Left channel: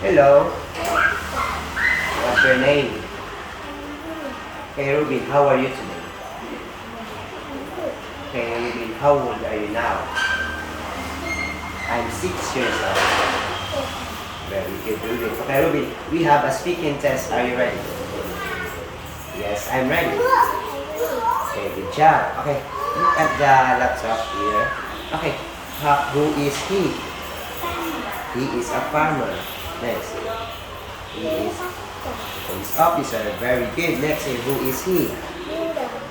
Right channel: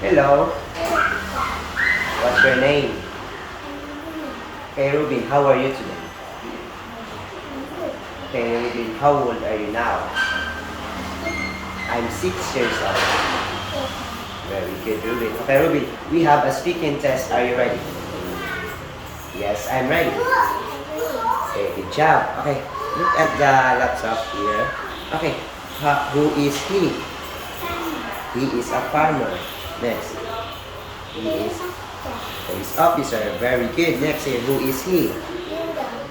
Hello, what's your name? Hey Ruben, how are you today? Hey Ruben, how old are you now? I'm 6 years old. Very good, Ruben. Okay, Ruben, we have a speaking test. Are you ready? Yes, I'm ready. Okay, good job. Okay, look at the laptop here. Okay, who is he? He is a farmer. Next, he is police officer. Very good. Next, who is he?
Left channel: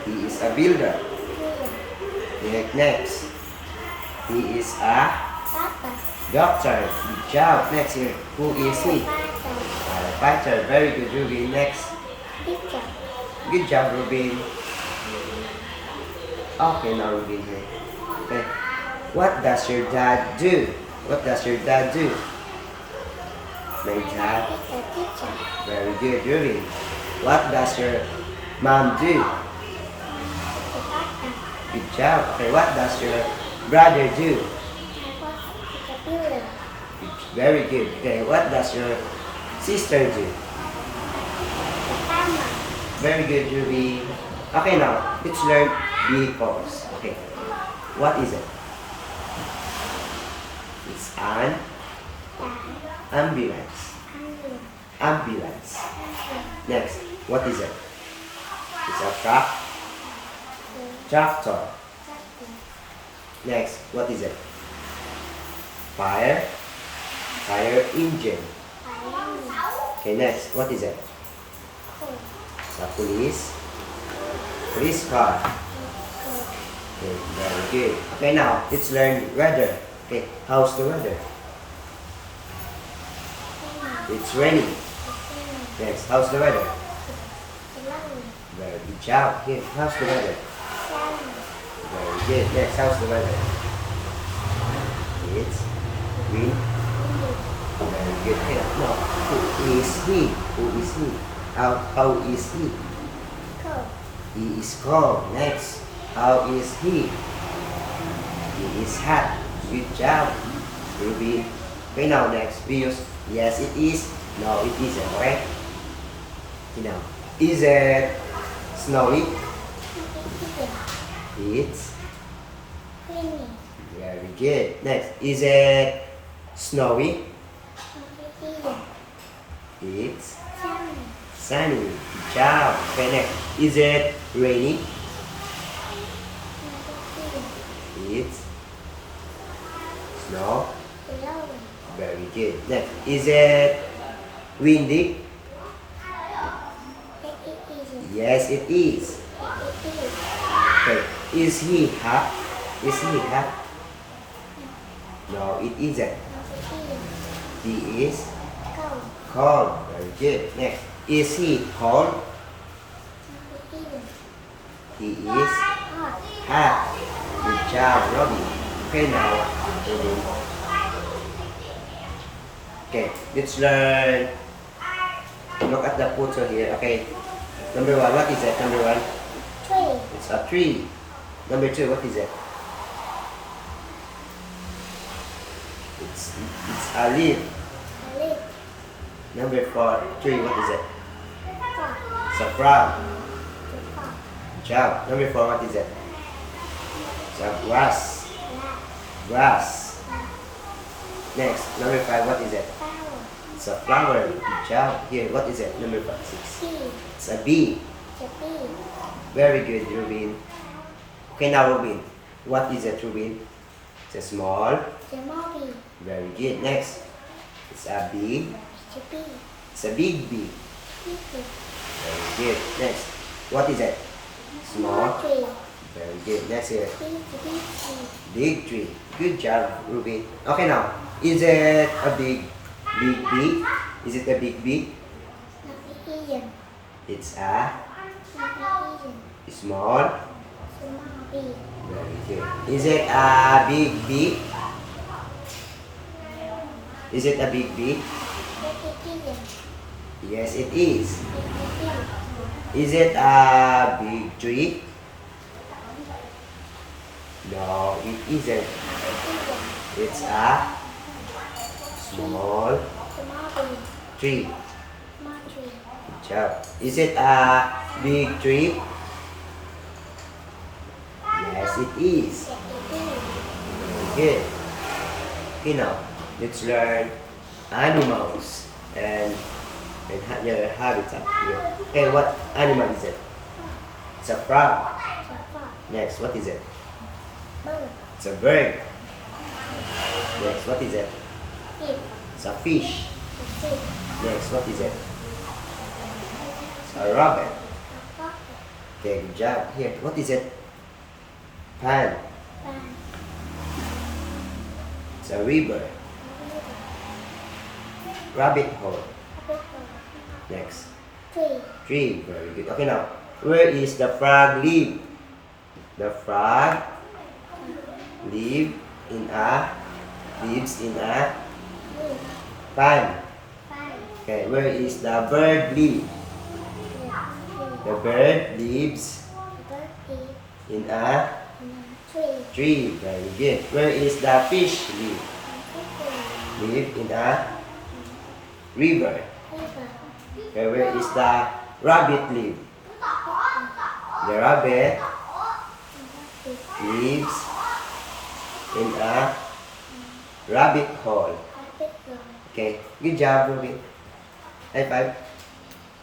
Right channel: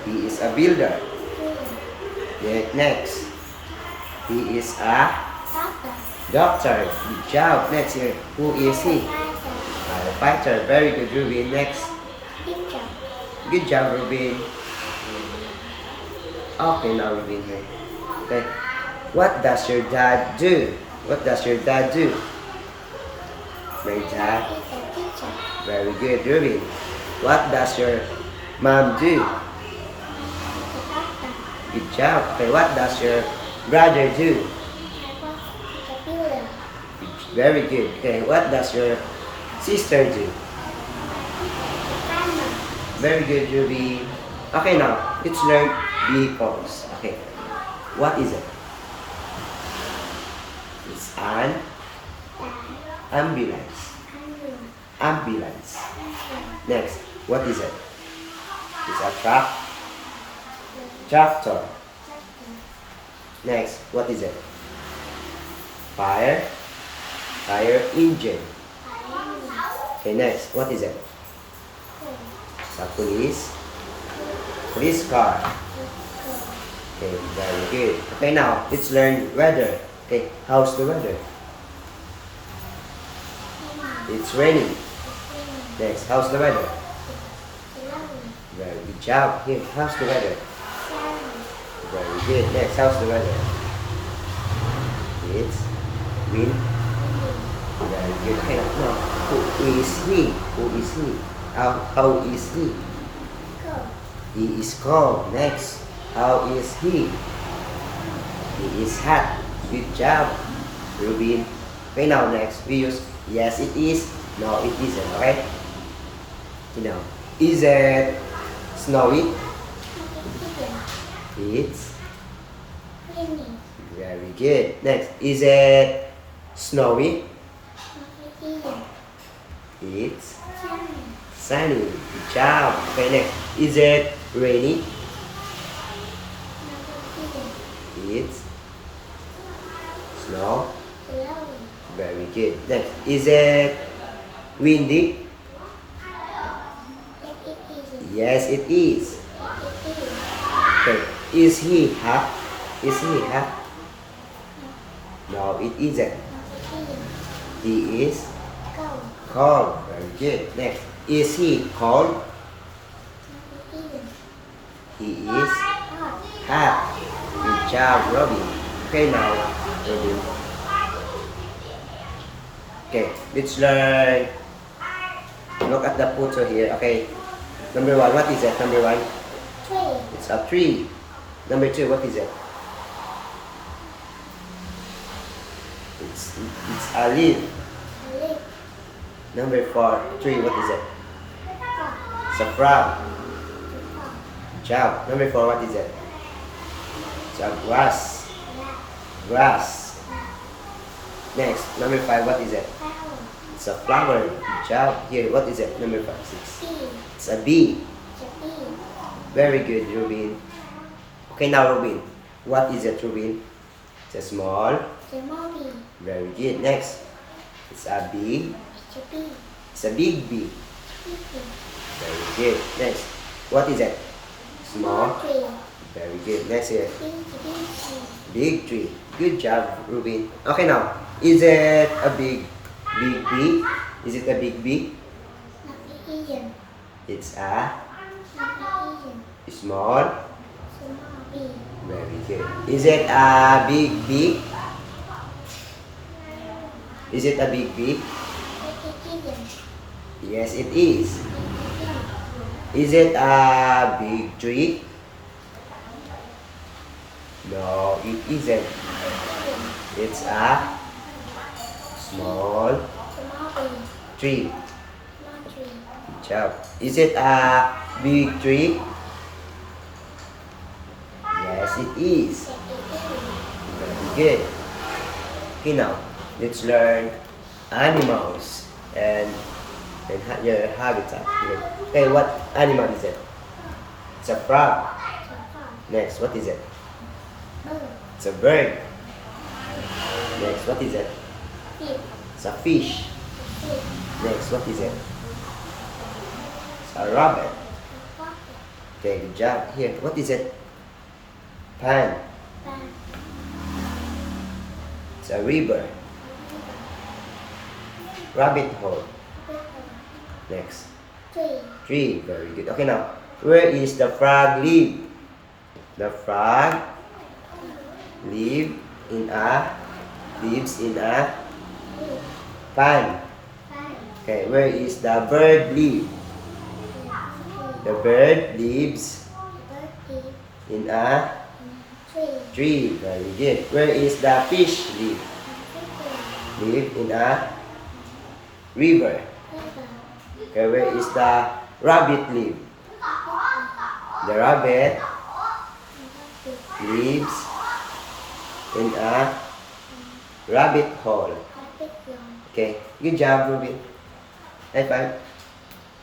He is a builder. Next, he is a doctor. Good job. Next here, who is he? Firefighter. Very good, Ruben. Next. Good job, Ruben. Okay, now Ruben here. Okay. What does your dad do? What does your dad do? My dad. Very good, Ruben. What does your mom do? Good job. Okay, what does your brother do? Very good. Okay, what does your sister do? Very good, Ruby. Okay, now let's learn vehicles. Okay, what is it? It's an ambulance. Ambulance. Next, what is it? It's a truck. Tractor. Next, what is it? Fire. Fire engine. Okay, next, what is it? It's a police. Police car. Okay, very good. Okay, now let's learn weather. Okay, how's the weather? It's raining. Next, how's the weather? Very good job. Here, how's the weather? Very good. Next, how's the weather? It's wind. Very good. Okay, now, who is he? Who is he? How is he? He is cold. Next, how is he? He is hot. Good job, Ruben. Okay, now next, we use yes, it is. No, it isn't. Okay? Now, is it snowy? It's very good. Next, is it snowy? It's sunny. Good job. Okay, next, is it rainy? It's snow. Very good. Next, is it windy? Yes, it is. Okay, is he hot? Is he hot? No, it isn't. He is cold. Very good. Next, is he cold? He is hot. Good job, Robin. Okay, now, Robin. Okay, let's learn. Look at the photo here. Okay, number one, what is it? Number one? Tree. It's a tree. Number two, what is it? It's a leaf. Number three, what is it? It's a frog. Good job. Number four, what is it? It's a grass. Grass. Next, number five, what is it? It's a flower. Good job. Here, what is it? Number five, six. It's a bee. Very good, Ruben. Okay, now, Ruben. What is it, Ruben? It's a small. Very good. Next, it's a big. It's a big bee. Very good. Next, what is it? Small. Very good. Next here. Big tree. Good job, Ruben. Okay, now, is it a big bee? Is it a big bee? It's a small. Very good. Is it a big bee? Is it a big bee? Yes, it is. Is it a big tree? No, it isn't. It's a small Small tree. Tree. Small tree. Good job. Is it a big tree? Yes, it is. Yes, it is. Very good. Okay, now let's learn animals and your habitat here. Okay, what animal is it? It's a frog. The frog. Next, what is it? Bird. It's a bird. Next, what is it? Pig. It's a fish. The pig. Next, what is it? It's a rabbit. The fox. Okay, good job. Here, what is it? Pan. Pan. It's a river. River. Rabbit hole. Rabbit hole. Next, Tree. tree. Very good. Okay, now, where is the frog live? The frog lives in a Tree. pan. Pan. Okay, where is the bird live? Tree. The bird lives The bird lives in a in tree. tree. Very good. Where is the fish live? Tree. Live in a river. River. Okay, where is the rabbit live? The rabbit lives in a rabbit hole. Rabbit hole. Okay, good job, Ruby. High five.